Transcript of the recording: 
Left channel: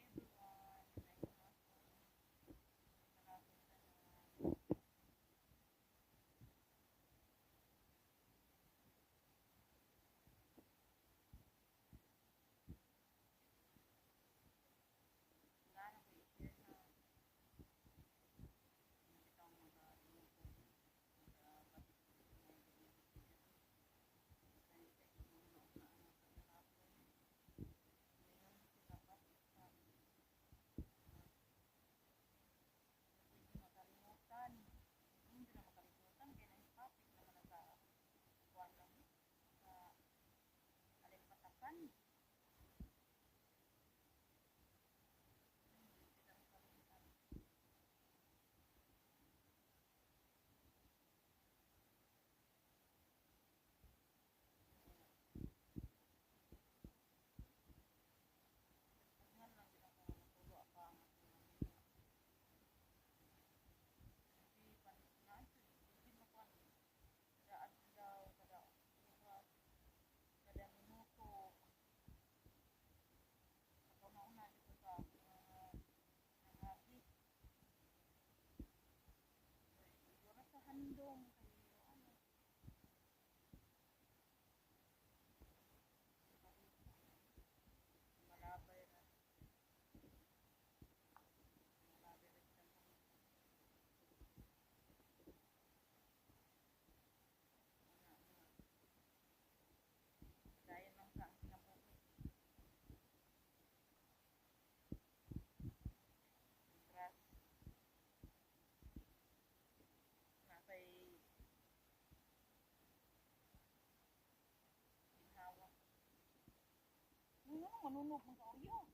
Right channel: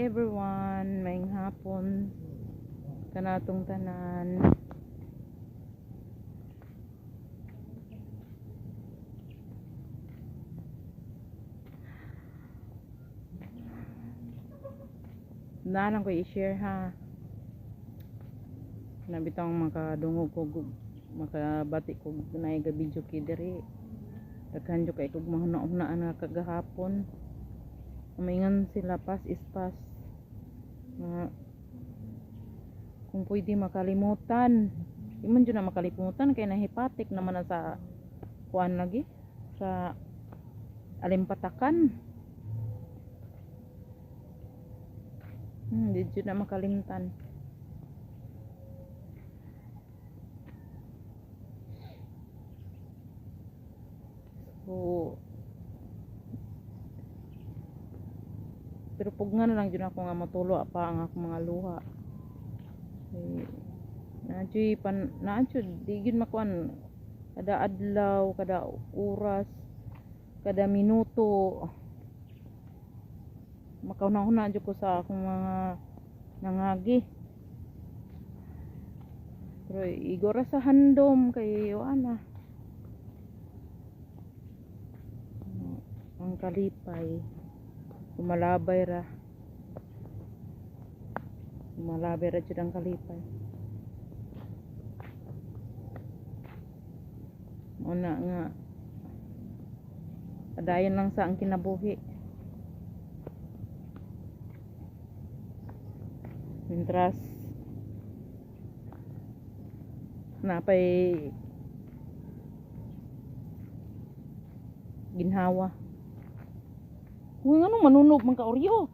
everyone, maayong hapon kanatong tanan. Nalang ko i-share ha. Nabitang makadungog ko makabati ko na iga video kay diri. Daghan jo kay kog mahuna-hunaan nga kagahapon. Maingan sila pas is pas. Kung pwede makalimutan. Di man dyan na makalimutan kaya nahipatik naman na sa kuan lagi sa alimpatakan. Di dyan na makalimtan. So pero pug nga na lang dyan ako nga matulo pa ang akong mga luha. Naadjud di gyud makuan kada adlaw, kada oras, kada minuto makauna-una jud ko sa akong mga nangagi. Pero igora sa handom kay ana ang kalipay kumalabay ra jud ang kalipay. Una nga adayon lang sa ang kinabuhi. Mintras napay ginhawa. Uy, anong manunog man ka oryo?